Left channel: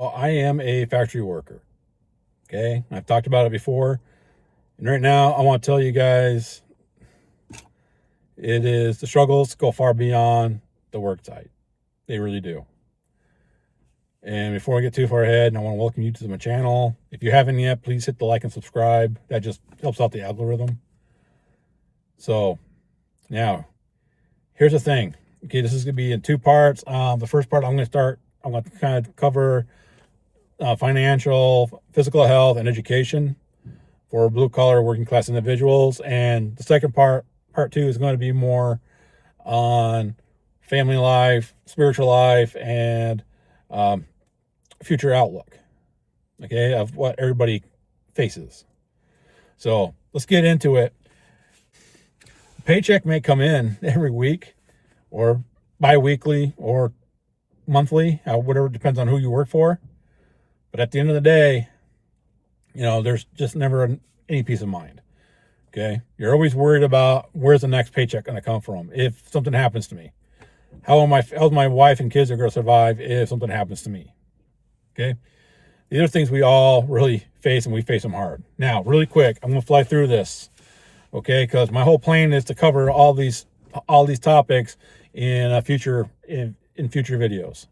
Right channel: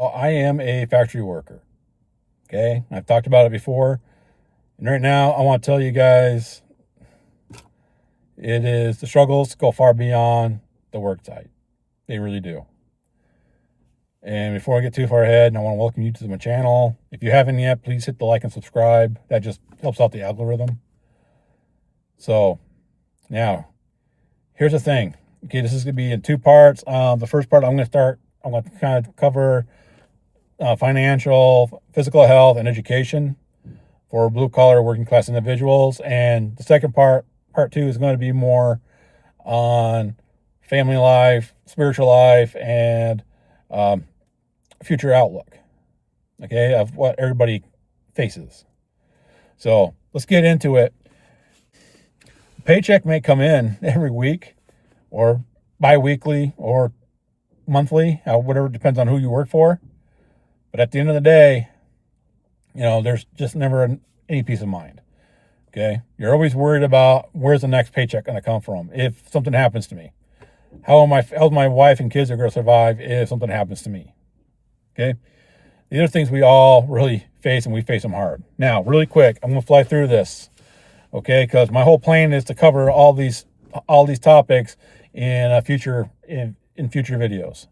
Well, I am a factory worker. Okay. I've talked about it before. And right now, I want to tell you guys the struggles go far beyond the work site. They really do. And before I get too far ahead, I want to welcome you to my channel. If you haven't yet, please hit the like and subscribe. That just helps out the algorithm. So now, here's the thing. Okay, this is going to be in two parts. The first part, I'm going to kind of cover financial, physical health, and education for blue-collar working class individuals. And the second part two, is going to be more on family life, spiritual life, and future outlook, okay, of what everybody faces. So let's get into it. Paycheck may come in every week or bi-weekly or monthly, whatever, depends on who you work for. But at the end of the day, there's just never any peace of mind. Okay. You're always worried about where's the next paycheck going to come from if something happens to me. How's my wife and kids are going to survive if something happens to me? Okay. These are things we all really face, and we face them hard. Now, really quick, I'm going to fly through this. Okay. Because my whole plan is to cover all these topics in future videos.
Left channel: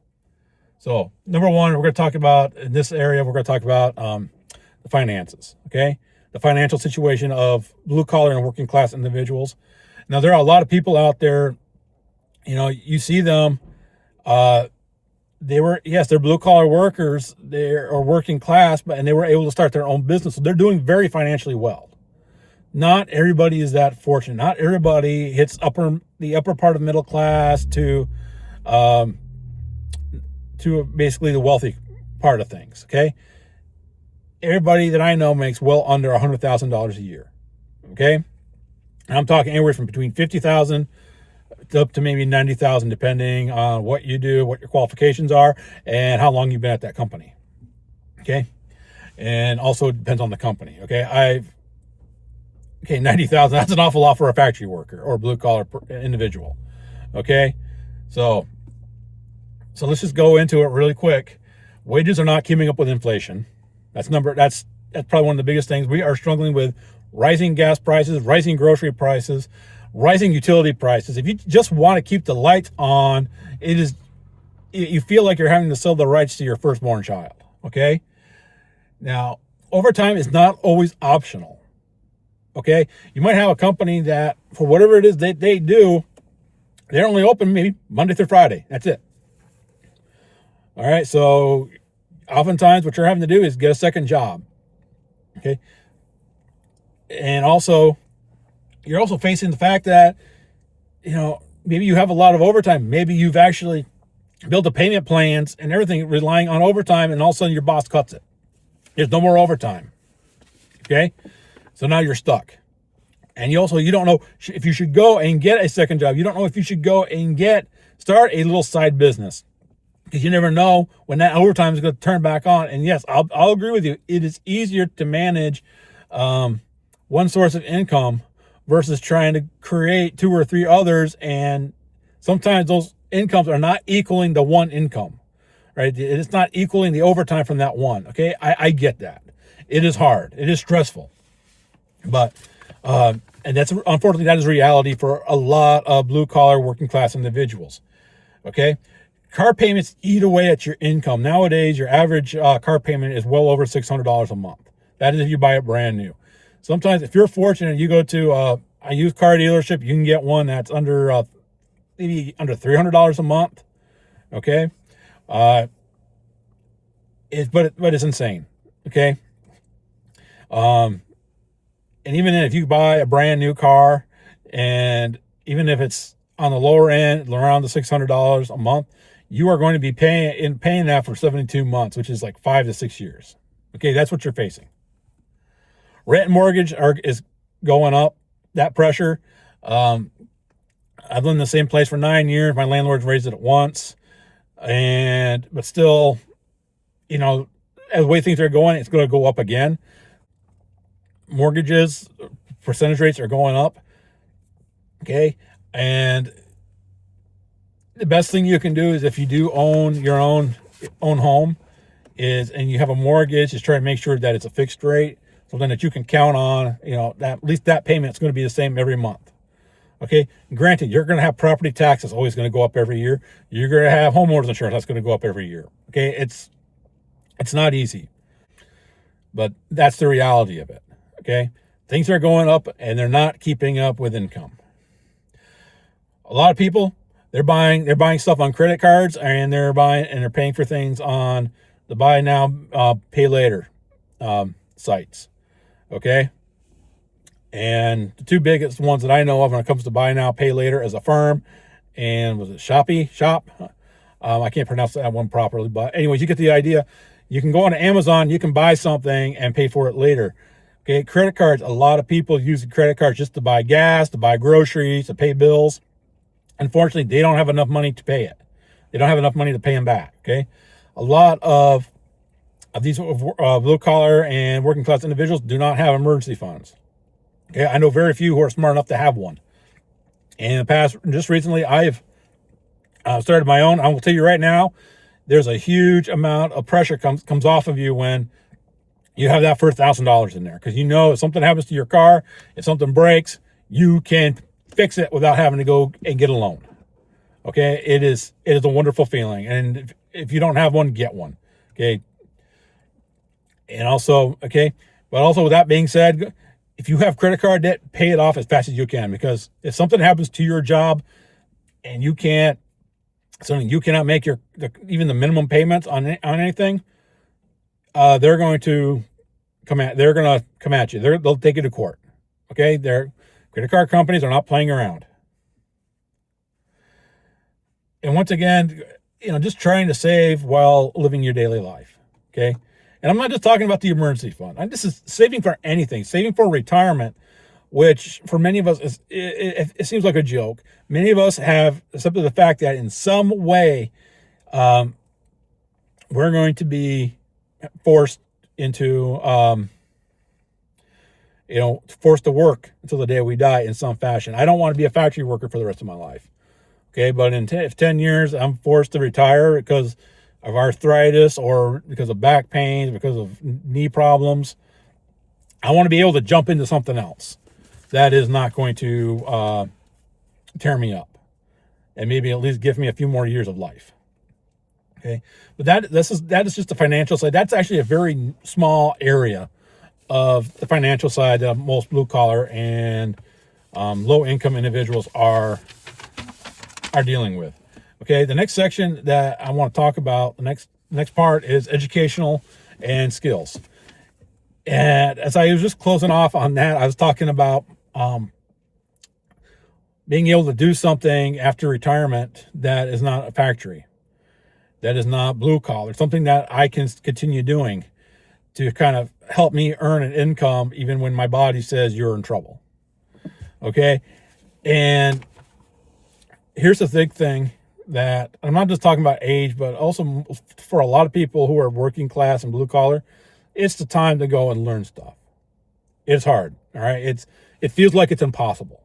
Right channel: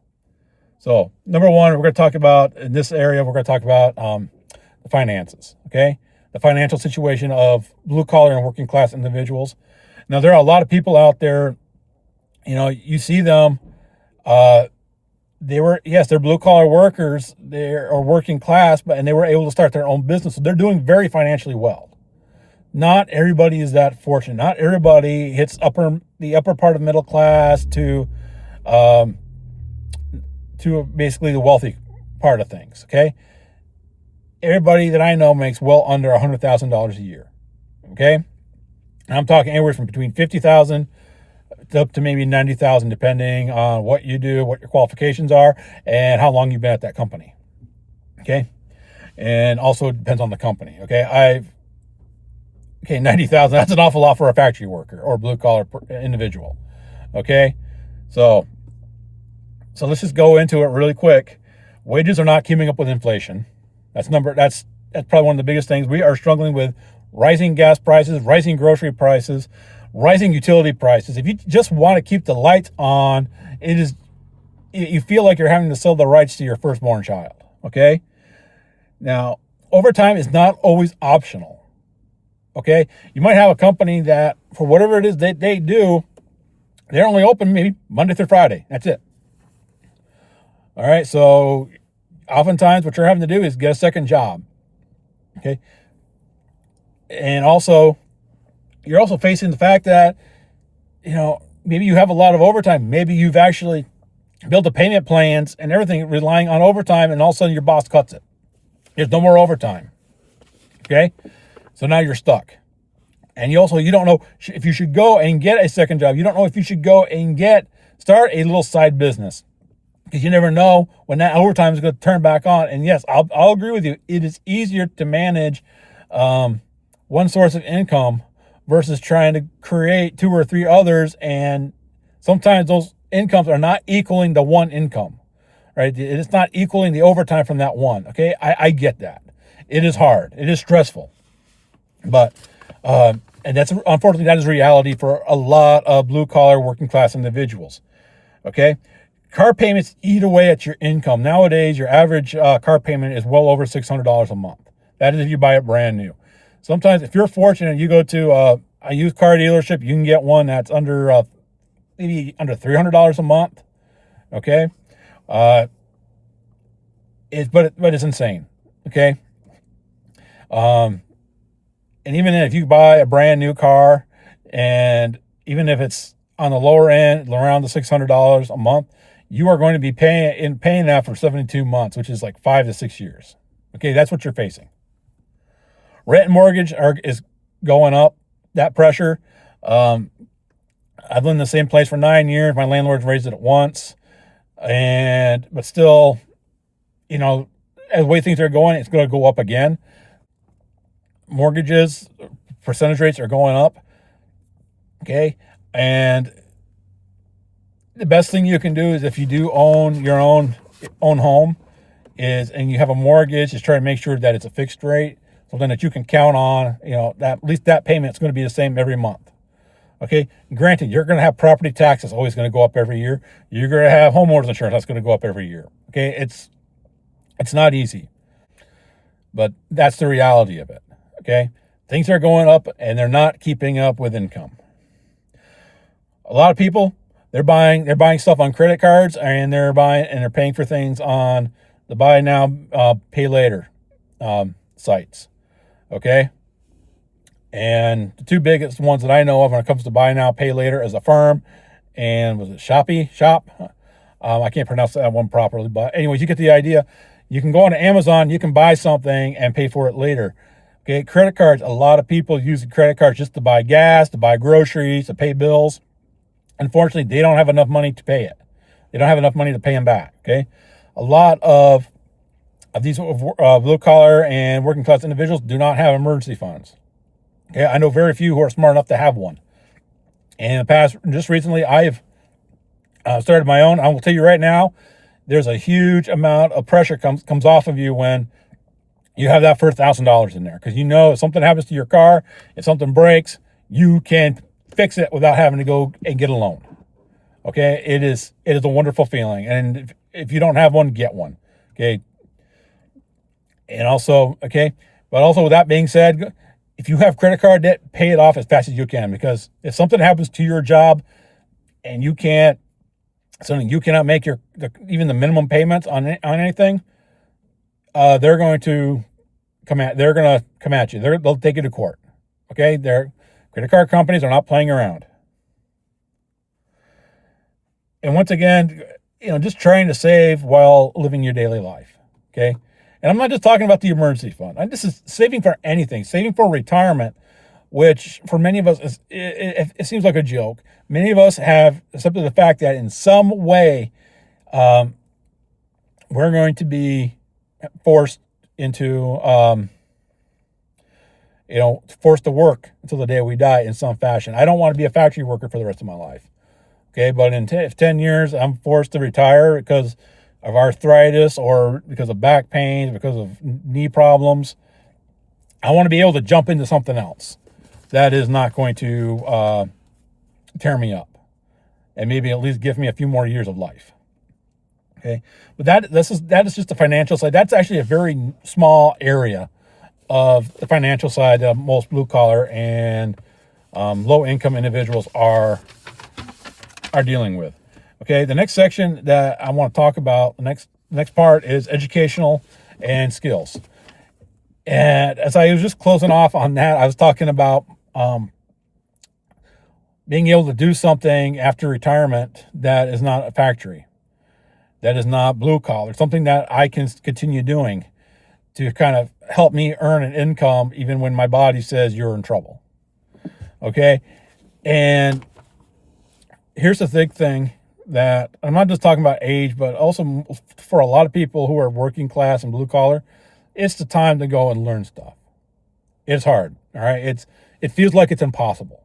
So number one, we're going to talk about, in this area, we're going to talk about the finances, okay? The financial situation of blue-collar and working-class individuals. Now, there are a lot of people out there, you see them, they're blue-collar workers, they're working class, and they were able to start their own business, so they're doing very financially well. Not everybody is that fortunate. Not everybody hits the upper part of middle class to basically the wealthy part of things, okay? Everybody that I know makes well under $100,000 a year, okay? And I'm talking anywhere from between $50,000 up to maybe $90,000, depending on what you do, what your qualifications are, and how long you've been at that company, okay? And also depends on the company, okay? 90,000, that's an awful lot for a factory worker or blue-collar individual, okay? So let's just go into it really quick. Wages are not keeping up with inflation. That's probably one of the biggest things. We are struggling with rising gas prices, rising grocery prices, rising utility prices. If you just want to keep the lights on, you feel like you're having to sell the rights to your firstborn child, okay? Now, overtime is not always optional, okay? You might have a company that, for whatever it is that they do, they're only open maybe Monday through Friday. That's it. All right, so oftentimes what you're having to do is get a second job, okay? And also, you're also facing the fact that, maybe you have a lot of overtime. Maybe you've actually built the payment plans and everything relying on overtime, and all of a sudden your boss cuts it. There's no more overtime, okay? So now you're stuck. And you don't know if you should go and get a second job. You don't know if you should go and start a little side business, because you never know when that overtime is going to turn back on. And yes, I'll agree with you. It is easier to manage one source of income versus trying to create two or three others. And sometimes those incomes are not equaling the one income, right? It's not equaling the overtime from that one. Okay. I get that. It is hard. It is stressful, but, and unfortunately, that is reality for a lot of blue collar working class individuals. Okay. Car payments eat away at your income. Nowadays, your average car payment is well over $600 a month. That is if you buy it brand new. Sometimes, if you're fortunate, you go to a used car dealership, you can get one that's maybe under $300 a month. Okay, but it's insane. Okay, and even if you buy a brand new car, and even if it's on the lower end, around the $600 a month, you are going to be paying that for 72 months, which is like 5 to 6 years. Okay, that's what you're facing. Rent and mortgage is going up. That pressure. I've lived in the same place for 9 years. My landlord's raised it once, but still, as the way things are going, it's going to go up again. Mortgages, percentage rates are going up. Okay, and the best thing you can do is, if you do own your own home, and you have a mortgage, is try to make sure that it's a fixed rate, something that you can count on, that at least that payment's going to be the same every month. Okay. Granted, you're going to have property taxes always going to go up every year. You're going to have homeowners insurance that's going to go up every year. Okay. It's not easy, but that's the reality of it. Okay. Things are going up and they're not keeping up with income. A lot of people, they're buying stuff on credit cards, and they're paying for things on the buy now, pay later sites. Okay. And the two biggest ones that I know of when it comes to buy now, pay later is Affirm, and was it Shop? I can't pronounce that one properly, but anyways, you get the idea. You can go on Amazon, you can buy something and pay for it later. Okay, credit cards, a lot of people use credit cards just to buy gas, to buy groceries, to pay bills. Unfortunately, they don't have enough money to pay it. They don't have enough money to pay them back, okay? A lot of these blue collar and working class individuals do not have emergency funds. Okay, I know very few who are smart enough to have one. And in the past, just recently, I've started my own. I will tell you right now, there's a huge amount of pressure comes off of you when you have that first $1,000 in there, because if something happens to your car, if something breaks, you can fix it without having to go and get a loan. Okay, it is a wonderful feeling, and if you don't have one, get one. Okay, and also but also with that being said, if you have credit card debt, pay it off as fast as you can, because if something happens to your job and you cannot make even the minimum payments on anything, they're going to come at you. They'll take you to court. Okay, credit card companies are not playing around. And once again, just trying to save while living your daily life. Okay. And I'm not just talking about the emergency fund. This is saving for anything, saving for retirement, which for many of us it seems like a joke. Many of us have accepted the fact that in some way we're going to be forced into forced to work until the day we die in some fashion. I don't want to be a factory worker for the rest of my life. Okay, but in 10 years I'm forced to retire because of arthritis or because of back pain, because of knee problems, I want to be able to jump into something else that is not going to tear me up and maybe at least give me a few more years of life. Okay, but that is just the financial side. That's actually a very small area of the financial side that most blue collar and low income individuals are dealing with. Okay, the next section that I want to talk about, the next part, is educational and skills. And as I was just closing off on that, I was talking about being able to do something after retirement that is not a factory, that is not blue collar, something that I can continue doing to kind of help me earn an income even when my body says you're in trouble. Okay, and here's the big thing, that I'm not just talking about age, but also for a lot of people who are working class and blue collar, it's the time to go and learn stuff. It's hard. All right. It feels like it's impossible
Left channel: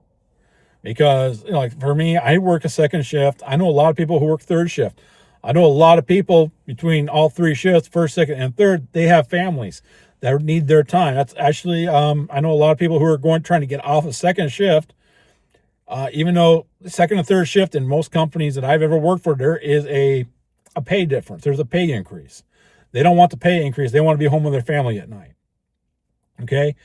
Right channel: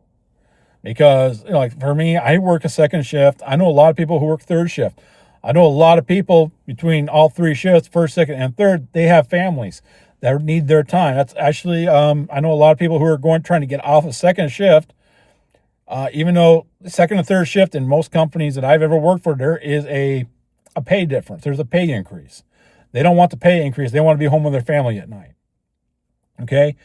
because like for me, I work a second shift. I know a lot of people who work third shift. I know a lot of people between all three shifts, first, second, and third, they have families that need their time. That's actually, I know a lot of people who are trying to get off a second shift. Even though the second and third shift in most companies that I've ever worked for, there is a pay difference. There's a pay increase. They don't want the pay increase. They want to be home with their family at night. Okay.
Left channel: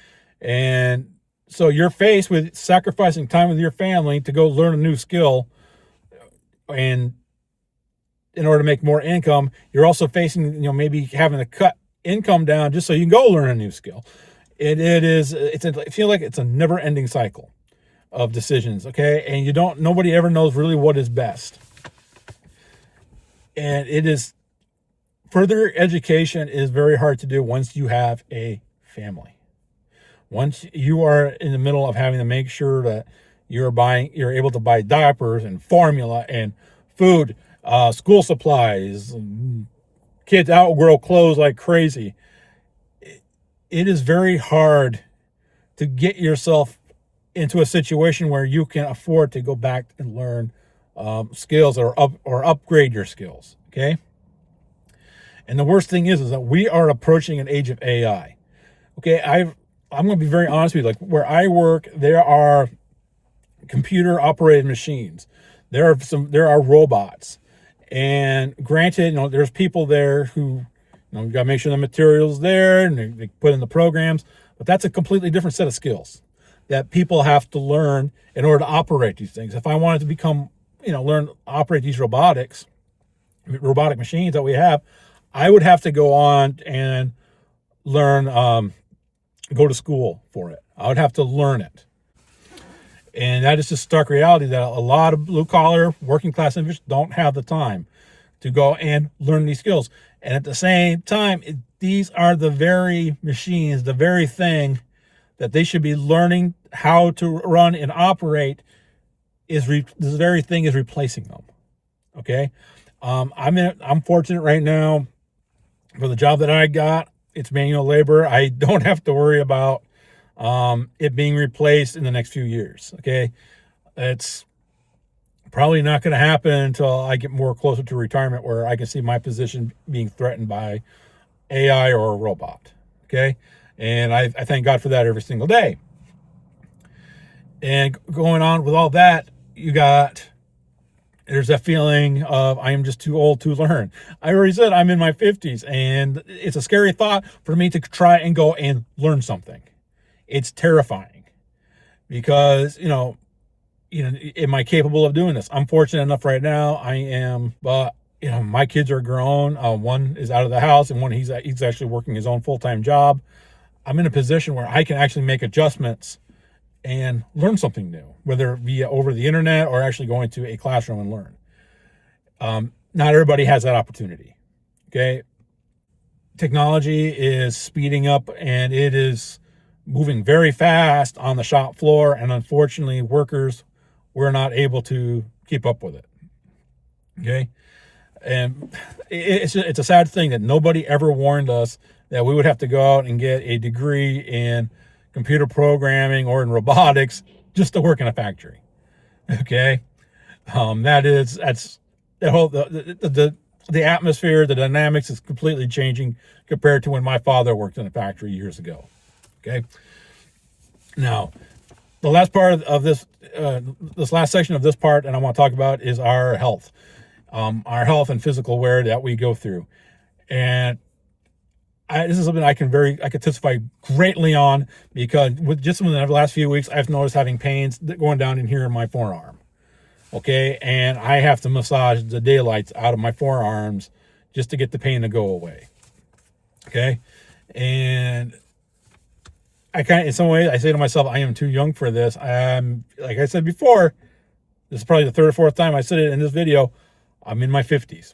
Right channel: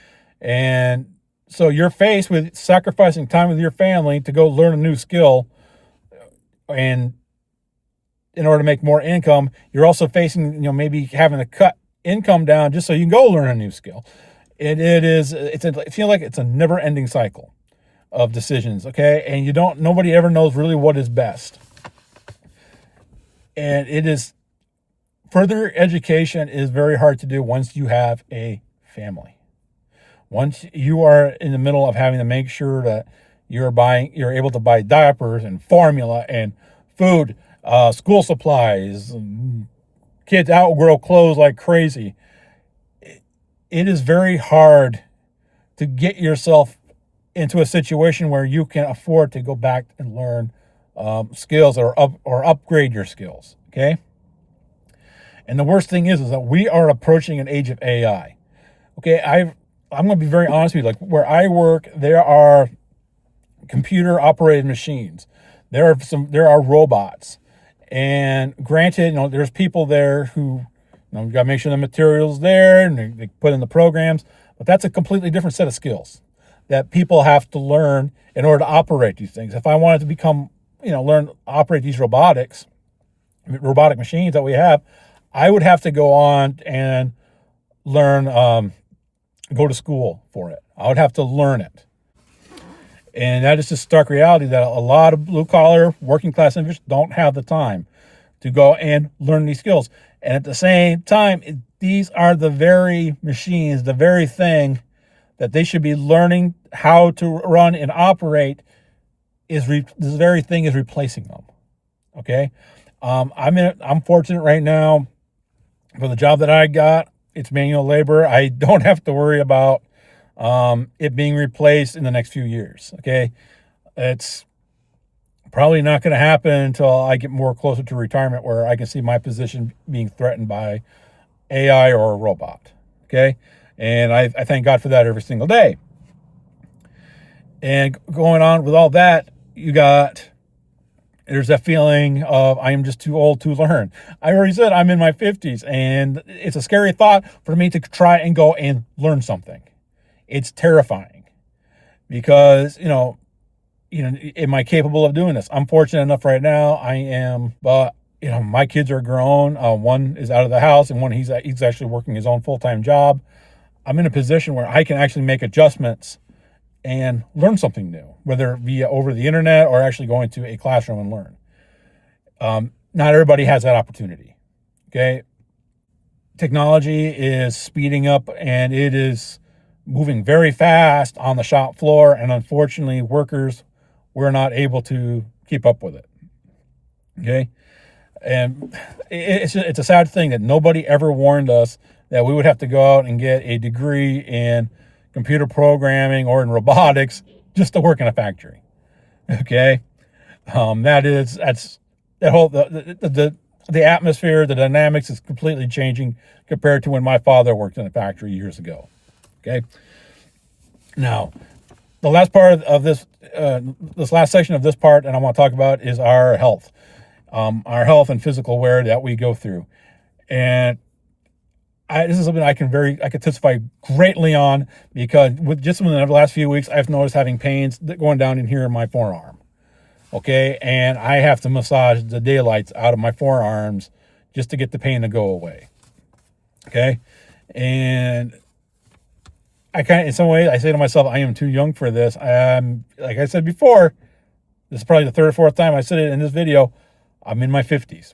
And so you're faced with sacrificing time with your family to go learn a new skill. And in order to make more income, you're also facing, maybe having to cut income down just so you can go learn a new skill. I feel like it's a never ending cycle of decisions. Okay. And nobody ever knows really what is best. And further education is very hard to do once you have a family. Once you are in the middle of having to make sure that you're able to buy diapers and formula and food, school supplies, kids outgrow clothes like crazy. It is very hard to get yourself into a situation where you can afford to go back and learn skills or upgrade your skills. Okay. And the worst thing is that we are approaching an age of AI. Okay, I'm going to be very honest with you. Like where I work, there are computer operated machines. There are robots. And granted, there's people there who, you got to make sure the material's there and they put in the programs, but that's a completely different set of skills that people have to learn in order to operate these things. If I wanted to become, learn to operate these robotic machines that we have, I would have to go on and learn, go to school for it. I would have to learn it. And that is just stark reality that a lot of blue collar working class individuals don't have the time to go and learn these skills. And at the same time, these are the very machines, the very thing that they should be learning how to run and operate this very thing is replacing them. Okay. I'm fortunate right now for the job that I got. It's manual labor. I don't have to worry about it being replaced in the next few years. Okay. It's probably not going to happen until I get more closer to retirement where I can see my position being threatened by AI or a robot. Okay. And I thank God for that every single day. And going on with all that, there's that feeling of I am just too old to learn. I already said I'm in my 50s, and it's a scary thought for me to try and go and learn something. It's terrifying because, am I capable of doing this? I'm fortunate enough right now. I am, but my kids are grown. One is out of the house, and one he's actually working his own full-time job. I'm in a position where I can actually make adjustments and learn something new, whether via over the internet or actually going to a classroom and learn. Not everybody has that opportunity. Okay. Technology is speeding up and it is moving very fast on the shop floor. And unfortunately, workers, we're not able to keep up with it. Okay. And it's a sad thing that nobody ever warned us that we would have to go out and get a degree in computer programming or in robotics just to work in a factory. Okay. The atmosphere, the dynamics is completely changing compared to when my father worked in a factory years ago. Okay. Now, the last part of this last section of this part, and I want to talk about is our health and physical wear that we go through. And this is something I can testify greatly on because within the last few weeks, I've noticed having pains going down in here in my forearm. Okay. And I have to massage the daylights out of my forearms just to get the pain to go away. Okay. And in some ways, I say to myself, I am too young for this. Like I said before, this is probably the third or fourth time I said it in this video. I'm in my 50s.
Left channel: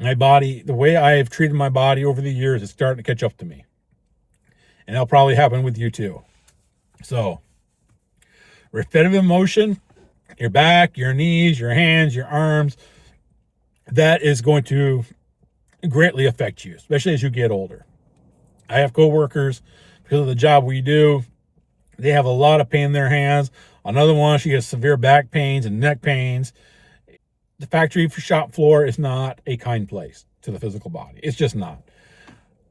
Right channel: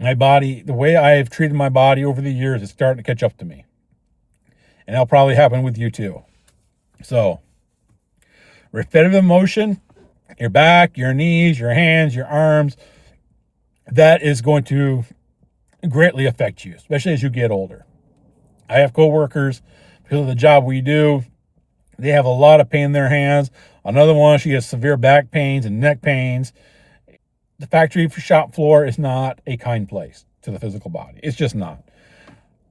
My body, the way I have treated my body over the years is starting to catch up to me. And that'll probably happen with you too. So, repetitive motion, your back, your knees, your hands, your arms, that is going to greatly affect you, especially as you get older. I have coworkers, because of the job we do, they have a lot of pain in their hands. Another one, she has severe back pains and neck pains. The factory shop floor is not a kind place to the physical body. It's just not.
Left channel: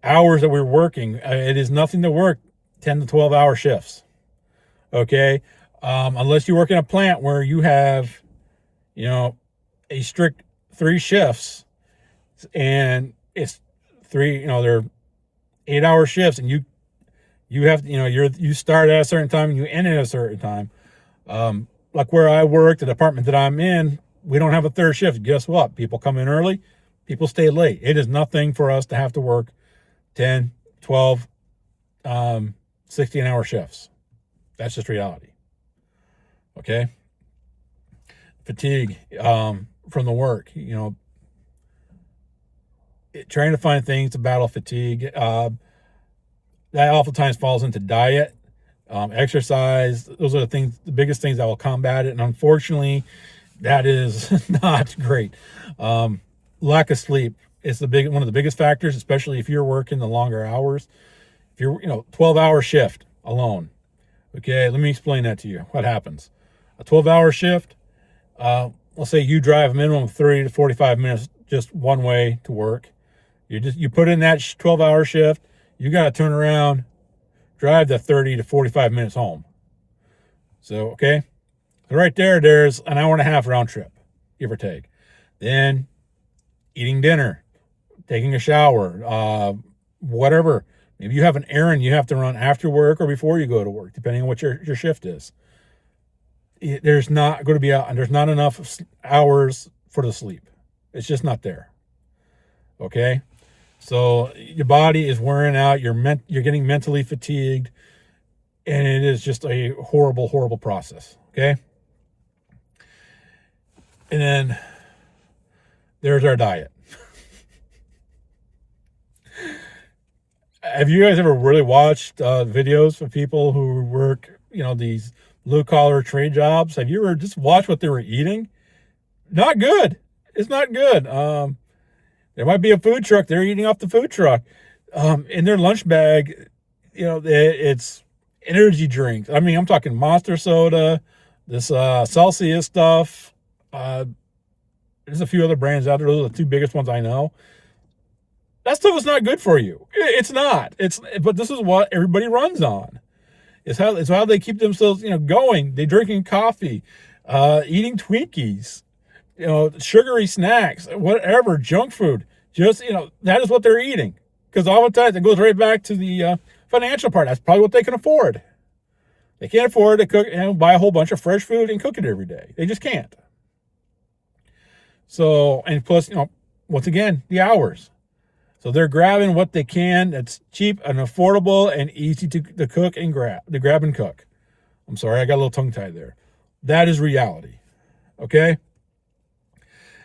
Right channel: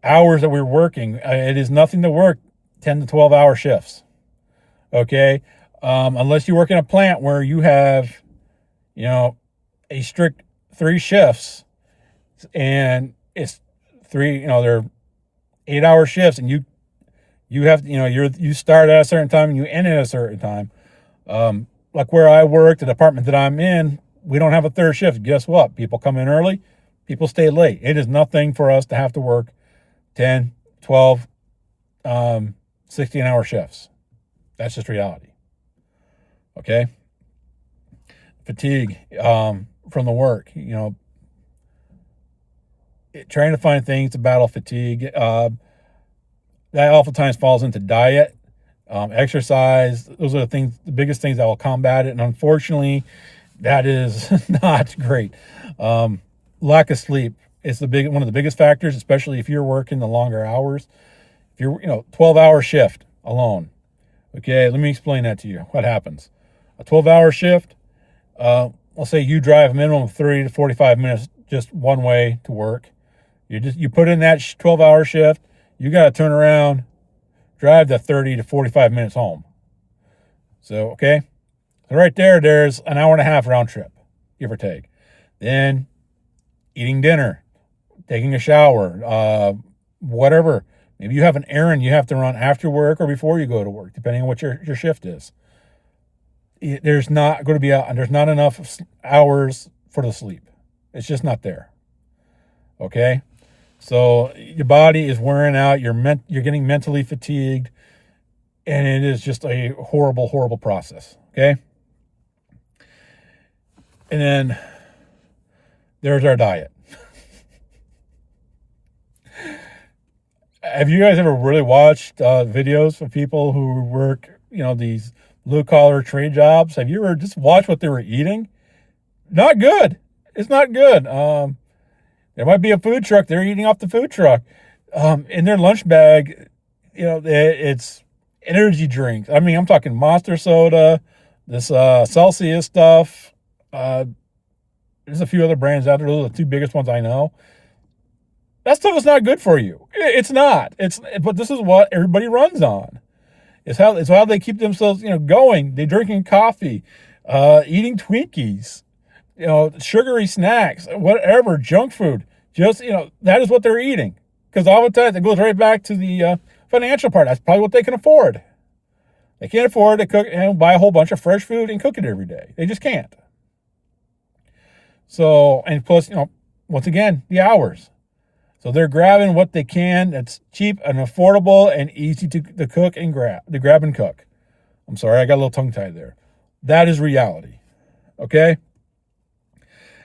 Hours that we're working, it is nothing to work 10 to 12 hour shifts. Okay. Unless you work in a plant where you have, a strict 3 shifts and it's 3, they're 8-hour shifts and you have, you start at a certain time and you end at a certain time. Like where I work, the department that I'm in, we don't have a third shift. Guess what? People come in early, people stay late. It is nothing for us to have to work 10, 12, 16-hour shifts. That's just reality. Okay. Fatigue from the work, trying to find things to battle fatigue. That oftentimes falls into diet, exercise. Those are the biggest things that will combat it. And unfortunately, that is not great. Lack of sleep is one of the biggest factors, especially if you're working the longer hours. If you're, 12-hour shift alone. Okay, let me explain that to you. What happens? A 12-hour shift, let's say you drive a minimum of 30 to 45 minutes just one way to work. You put in that 12-hour shift, you got to turn around, drive the 30 to 45 minutes home. So, okay. So right there's an hour and a half round trip, give or take. Then eating dinner, taking a shower, whatever. Maybe you have an errand you have to run after work or before you go to work, depending on what your shift is. There's not going to be there's not enough hours for the sleep. It's just not there. Okay? So your body is wearing out, you're getting mentally fatigued, and it is just a horrible, horrible process. Okay? And then there's our diet. Have you guys ever really watched videos of people who work, these blue collar trade jobs? Have you ever just watched what they were eating? Not good. It's not good. There might be a food truck. They're eating off the food truck. In their lunch bag, it's energy drinks. I mean, I'm talking Monster soda, this Celsius stuff. There's a few other brands out there. Those are the two biggest ones I know. That stuff is not good for you. It's not. But this is what everybody runs on. It's how they keep themselves, going. They're drinking coffee, eating Twinkies, sugary snacks, whatever, junk food. Just, that is what they're eating. Because oftentimes it goes right back to the financial part. That's probably what they can afford. They can't afford to cook and buy a whole bunch of fresh food and cook it every day. They just can't. So, and plus, once again, the hours. So they're grabbing what they can that's cheap and affordable and easy to cook and grab and cook. I'm sorry, I got a little tongue-tied there. That is reality. Okay?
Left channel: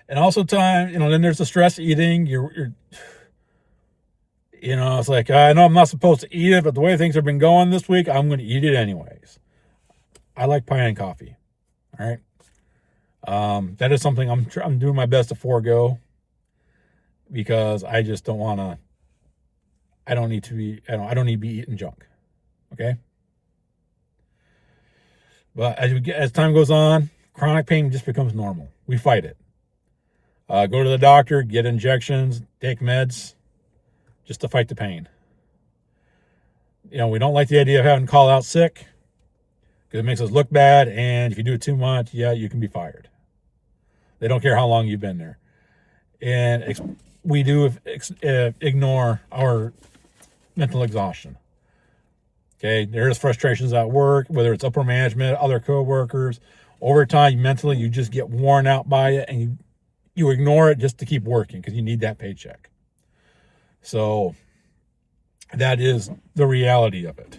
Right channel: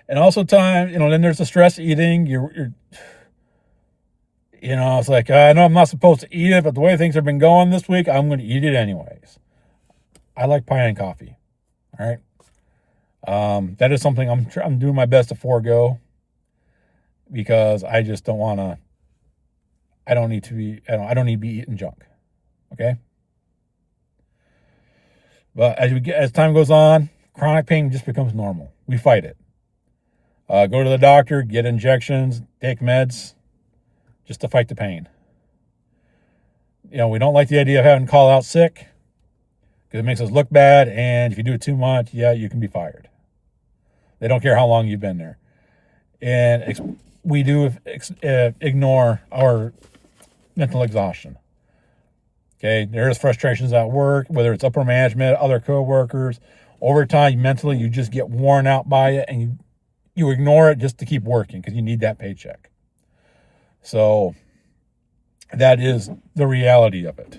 And also then there's the stress eating. It's like, I know I'm not supposed to eat it, but the way things have been going this week, I'm going to eat it anyways. I like pie and coffee. All right? That is something I'm doing my best to forego, because I just don't want to. I don't need to be eating junk. Okay. But as time goes on, chronic pain just becomes normal. We fight it. Go to the doctor, get injections, take meds, just to fight the pain. We don't like the idea of having to call out sick, because it makes us look bad, and if you do it too much, you can be fired. They don't care how long you've been there. And we do ignore our mental exhaustion. Okay, there's frustrations at work, whether it's upper management, other coworkers. Over time, mentally, you just get worn out by it, and you ignore it just to keep working because you need that paycheck. So that is the reality of it.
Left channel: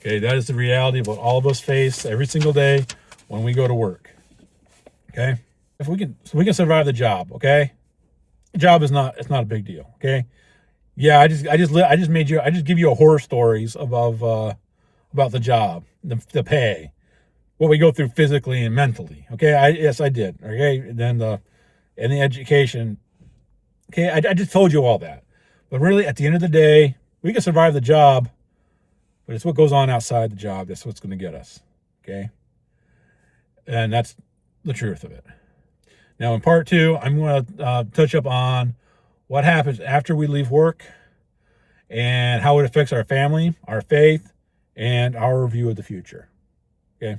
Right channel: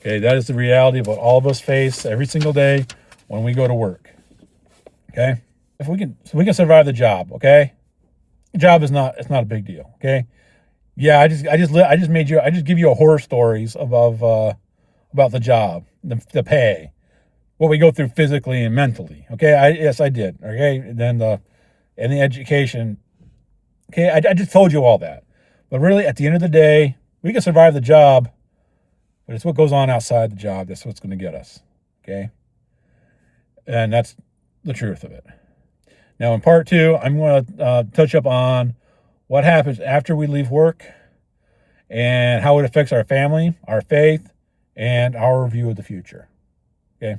Okay, that is the reality of what all of us face every single day when we go to work. Okay, if we can survive the job. Okay. The job it's not a big deal. Okay. Yeah. I just give you a horror stories about the job, the pay, what we go through physically and mentally. Okay. Yes, I did. Okay. And then the education. Okay. I just told you all that, but really at the end of the day, we can survive the job, but it's what goes on outside the job that's what's going to get us. Okay. And that's the truth of it. Now, in part 2, I'm going to touch up on what happens after we leave work and how it affects our family, our faith, and our view of the future. Okay?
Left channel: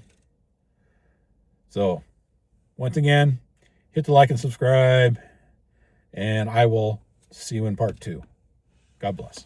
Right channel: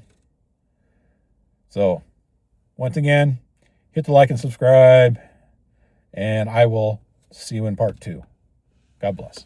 So, once again, hit the like and subscribe, and I will see you in part 2. God bless.